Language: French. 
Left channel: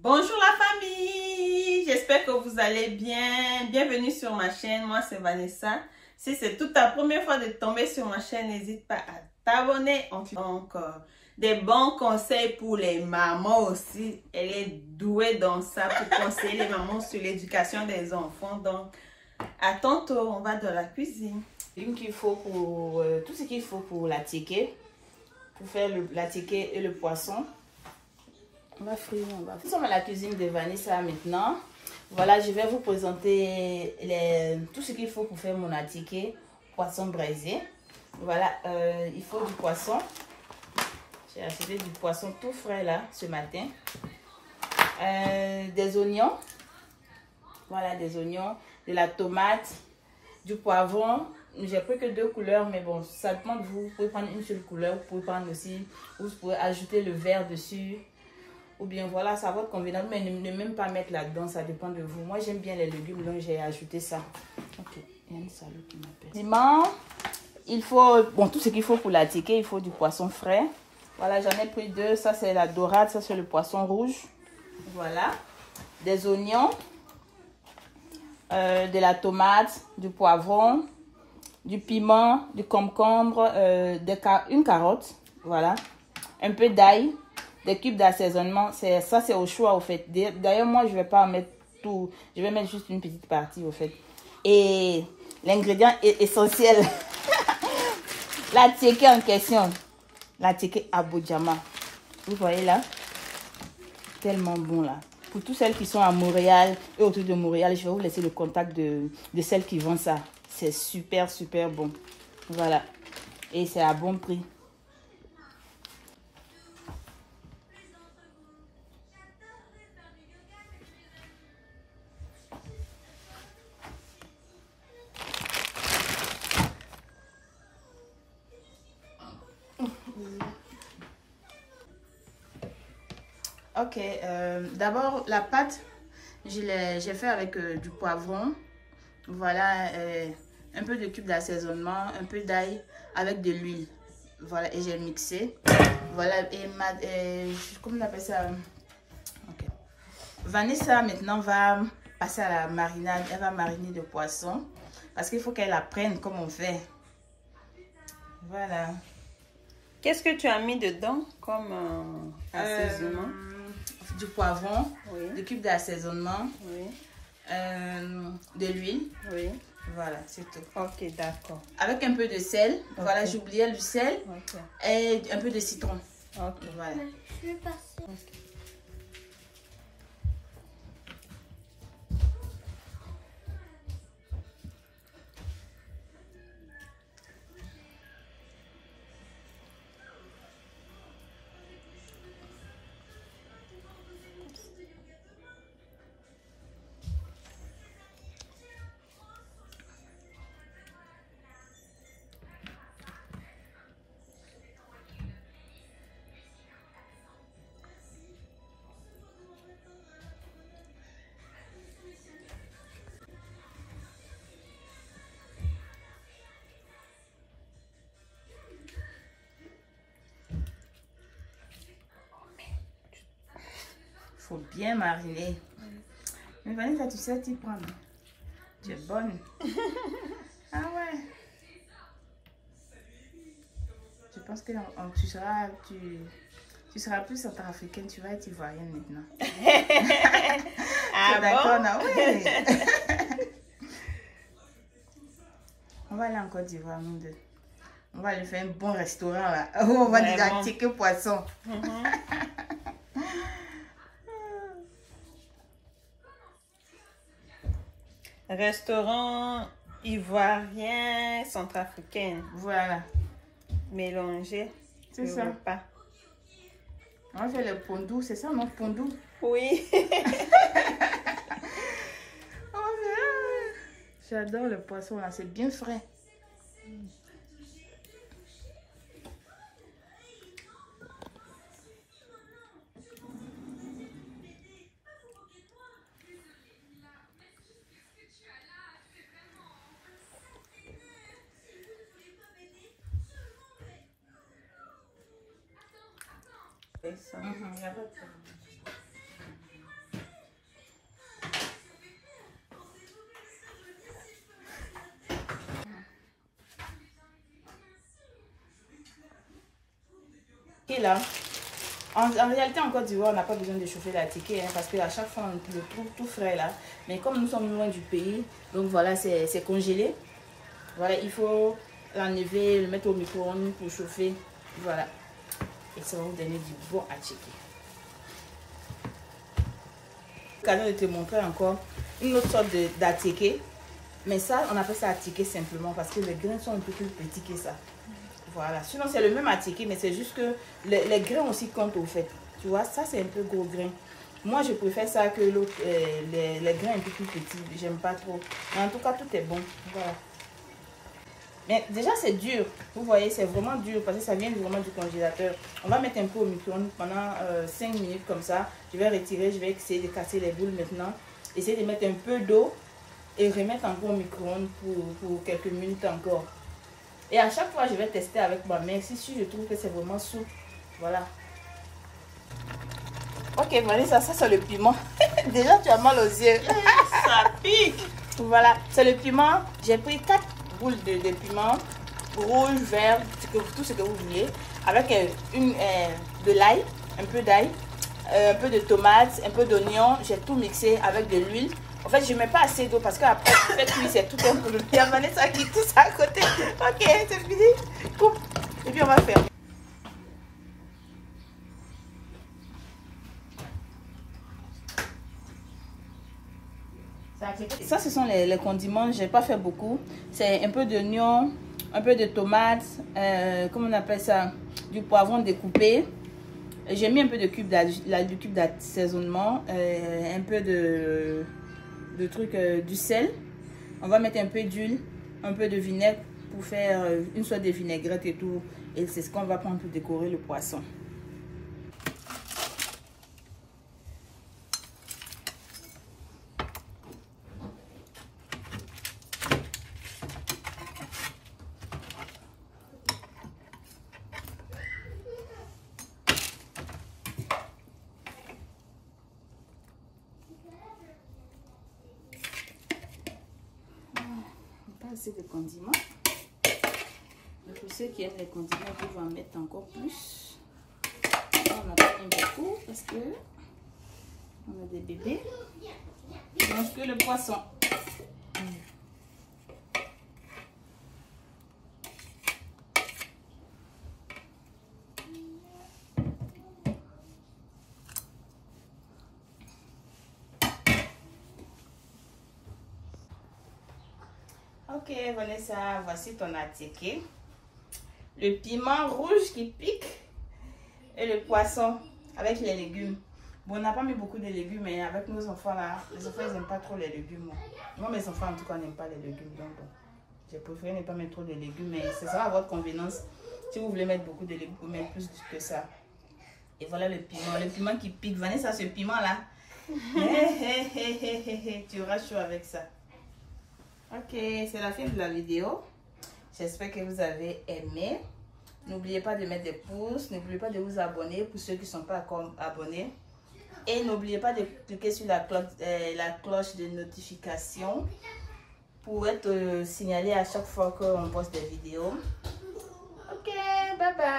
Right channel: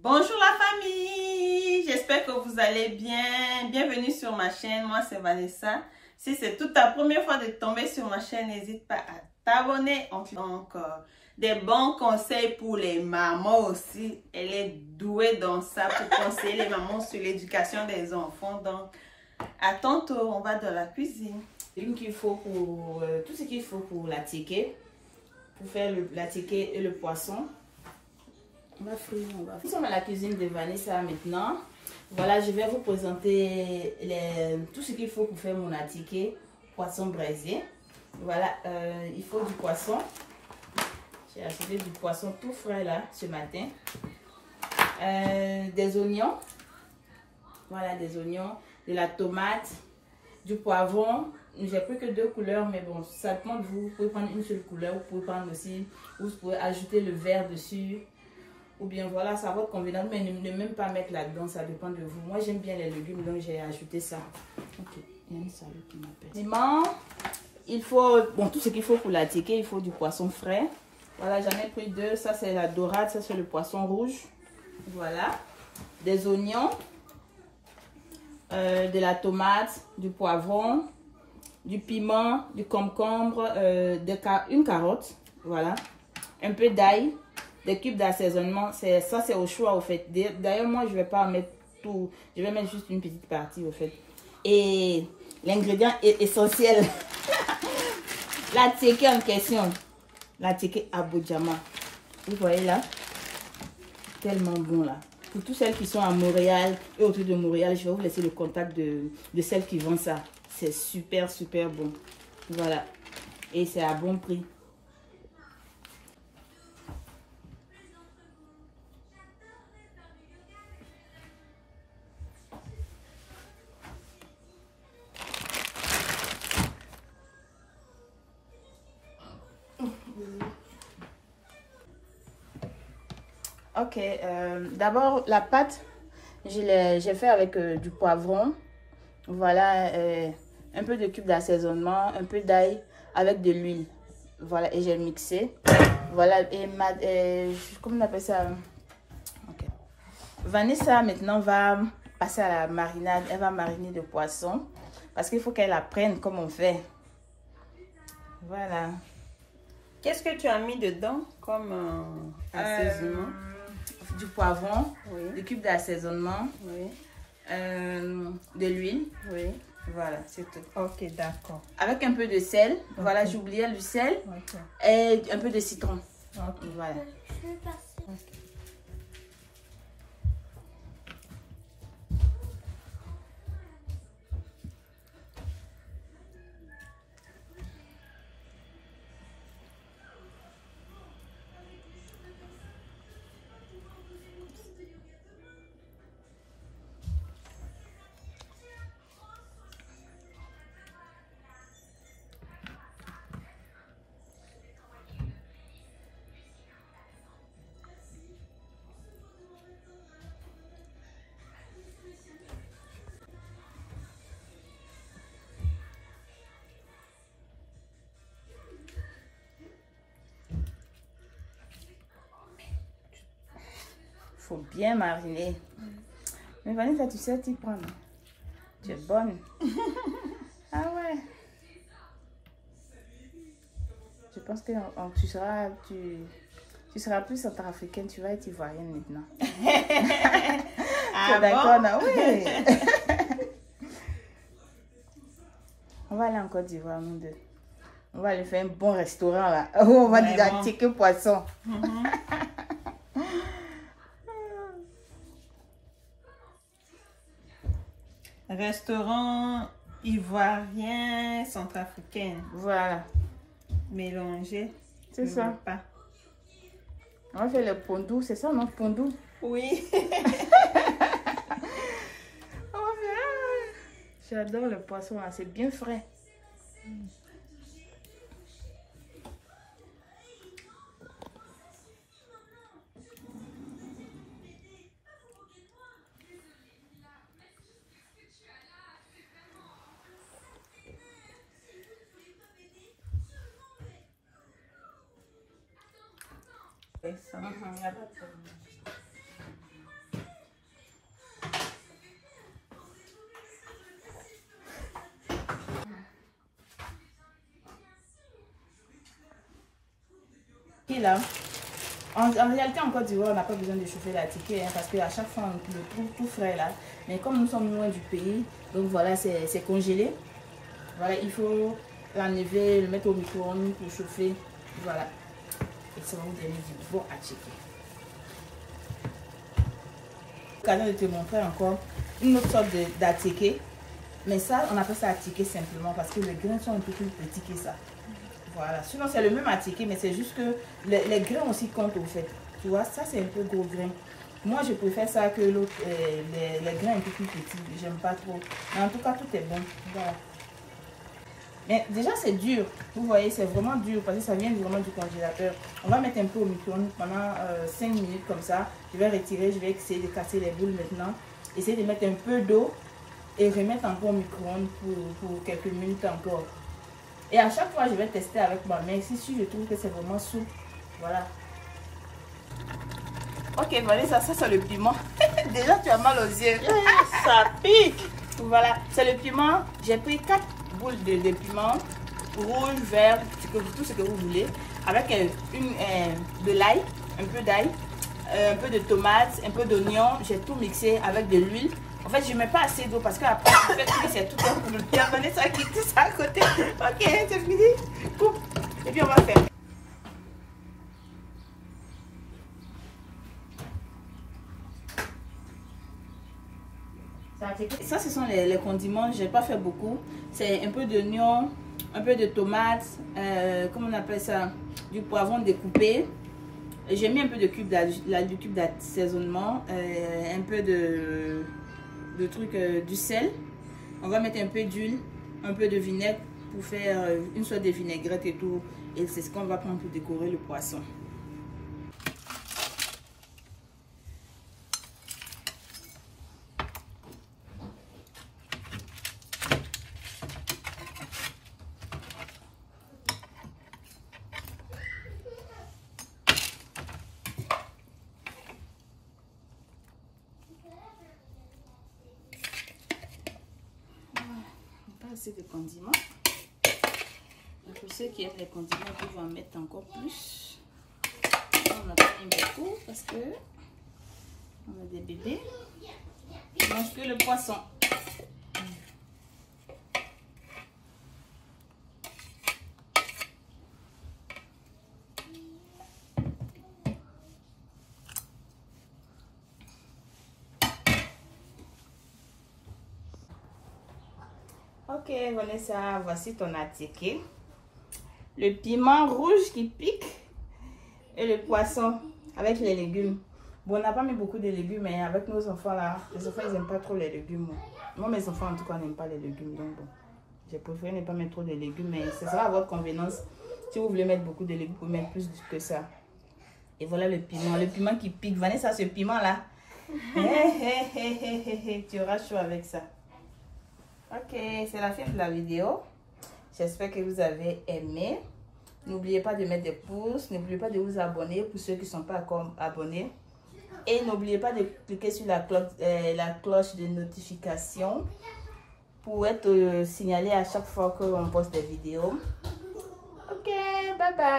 Bonjour la famille, j'espère que vous allez bien. Bienvenue sur ma chaîne, moi c'est Vanessa. Si c'est toute ta première fois de tomber sur ma chaîne, n'hésite pas à t'abonner. Donc, des bons conseils pour les mamans aussi. Elle est douée dans ça pour conseiller les mamans sur l'éducation des enfants. Donc, à tantôt, on va dans la cuisine. Qu'il faut pour tout ce qu'il faut pour la ticket, pour faire la ticket et le poisson. On va frire, Nous sommes à la cuisine de Vanessa maintenant. Voilà, je vais vous présenter tout ce qu'il faut pour faire mon attiqué poisson braisé. Voilà, il faut du poisson. J'ai acheté du poisson tout frais là ce matin. Des oignons. Voilà, des oignons, de la tomate, du poivron. J'ai pris que 2 couleurs, mais bon, ça dépend de vous. Vous pouvez prendre une seule couleur, vous pouvez prendre aussi, vous pouvez ajouter le vert dessus. Ou bien voilà, ça va être convenable, mais ne même pas mettre là-dedans, ça dépend de vous. Moi, j'aime bien les légumes, donc j'ai ajouté ça. Ok, il y a une salade qui m'appelle. Piment, il faut, bon, tout ce qu'il faut pour la ticket, il faut du poisson frais. Voilà, j'en ai pris 2. Ça, c'est la dorade, ça, c'est le poisson rouge. Voilà, des oignons, de la tomate, du poivron, du piment, du concombre, une carotte, voilà, un peu d'ail, des cubes d'assaisonnement. Ça, c'est au choix, au fait. D'ailleurs, moi, je ne vais pas en mettre tout. Je vais mettre juste une petite partie, au fait. Et l'ingrédient est essentiel. La ticket en question. La ticket Aboudjama. Vous voyez là? Tellement bon là. Pour toutes celles qui sont à Montréal et autour de Montréal, je vais vous laisser le contact de celles qui vendent ça. C'est super, super bon. Voilà. Et c'est à bon prix. Ok, d'abord la pâte, j'ai fait avec du poivron, voilà, un peu de cubes d'assaisonnement, un peu d'ail avec de l'huile, voilà, et j'ai mixé, voilà, comment on appelle ça? Ok. Vanessa maintenant va passer à la marinade, elle va mariner le poisson, parce qu'il faut qu'elle apprenne comment on fait, voilà. Qu'est-ce que tu as mis dedans comme assaisonnement? Du poivron, Oui. des cubes d'assaisonnement, Oui. de l'huile. Oui. Voilà, c'est tout. Ok, d'accord. Avec un peu de sel. Okay. Voilà, j'oubliais le sel. Okay. Et un peu de citron. Ok. Voilà. Je vais passer. Okay. Faut bien mariner. Mais Vanessa, tu sais t'y prendre. Tu es bonne. Ah ouais. Je pense que tu seras plus centrafricaine. Tu vas être ivoirienne maintenant. Ah d'accord, bon? non? Oui. On va aller en Côte d'Ivoire, nous deux. On va aller faire un bon restaurant là. On va dire ticket poisson. Restaurant ivoirien, centrafricain. Voilà. Mélangé. C'est ça. Pas. On va faire le pondou, c'est ça, non? Pondou. Oui. J'adore le poisson là, c'est bien frais. Ça. Y a pas de problème. Et là, en réalité, en Côte d'Ivoire, on n'a pas besoin de chauffer la ticket hein, parce qu'à chaque fois, on le trouve tout frais là. Mais comme nous sommes loin du pays, donc voilà, c'est congelé. Voilà, il faut l'enlever, le mettre au micro-ondes pour chauffer. Voilà. Et ça va vous donner du bon attiqué. L'occasion de te montrer encore une autre sorte d'attiqué. Mais ça, on appelle ça attiqué simplement parce que les grains sont un peu plus petits que ça. Voilà. Sinon, c'est le même attiqué, mais c'est juste que les grains aussi comptent au fait. Tu vois, ça, c'est un peu gros grain. Moi, je préfère ça que l'autre, les grains un peu plus petits. J'aime pas trop. Mais en tout cas, tout est bon. Voilà. Mais déjà, c'est dur. Vous voyez, c'est vraiment dur parce que ça vient vraiment du congélateur. On va mettre un peu au micro-ondes pendant 5 minutes comme ça. Je vais retirer, je vais essayer de casser les boules maintenant. Essayer de mettre un peu d'eau et remettre encore au micro-ondes pour quelques minutes encore. Et à chaque fois, je vais tester avec ma main. Si je trouve que c'est vraiment souple, voilà. Ok, Vanessa, ça c'est le piment. Déjà, tu as mal aux yeux. Ça pique. Voilà, c'est le piment. J'ai pris 4 boules de piment. Rouge, vert, tout ce que vous voulez. Avec de l'ail, un peu d'ail, un peu de tomates, un peu d'oignon. J'ai tout mixé avec de l'huile. En fait, je ne mets pas assez d'eau parce qu'après, en fait, c'est tout un groupe. Il y a Vanessa qui touche à côté. Ok, c'est fini. Coupe. Et puis, on va faire. Ça, ce sont les condiments. Je n'ai pas fait beaucoup. C'est un peu d'oignon, un peu de tomates, comment on appelle ça? Du poivron découpé. J'ai mis un peu de cube d'assaisonnement, un peu de truc, du sel. On va mettre un peu d'huile, un peu de vinaigre pour faire une sorte de vinaigrette et tout. Et c'est ce qu'on va prendre pour décorer le poisson. Assez de condiments. Donc pour ceux qui aiment les condiments, ils peuvent en mettre encore plus. On n'a pas mis beaucoup parce que on a des bébés. Ils mangent que le poisson. Ok, Vanessa, voici ton attiqué. Le piment rouge qui pique et le poisson avec les légumes. Bon, on n'a pas mis beaucoup de légumes, mais avec nos enfants là, les enfants ils n'aiment pas trop les légumes. Moi, mes enfants en tout cas n'aiment pas les légumes. Donc bon, j'ai préféré ne pas mettre trop de légumes, mais ce sera à votre convenance. Si vous voulez mettre beaucoup de légumes, vous pouvez mettre plus que ça. Et voilà le piment qui pique. Vanessa, ce piment là, tu auras chaud avec ça. Ok, c'est la fin de la vidéo. J'espère que vous avez aimé. N'oubliez pas de mettre des pouces. N'oubliez pas de vous abonner pour ceux qui ne sont pas encore abonnés. Et n'oubliez pas de cliquer sur la cloche de notification pour être signalé à chaque fois qu'on poste des vidéos. Ok, bye bye.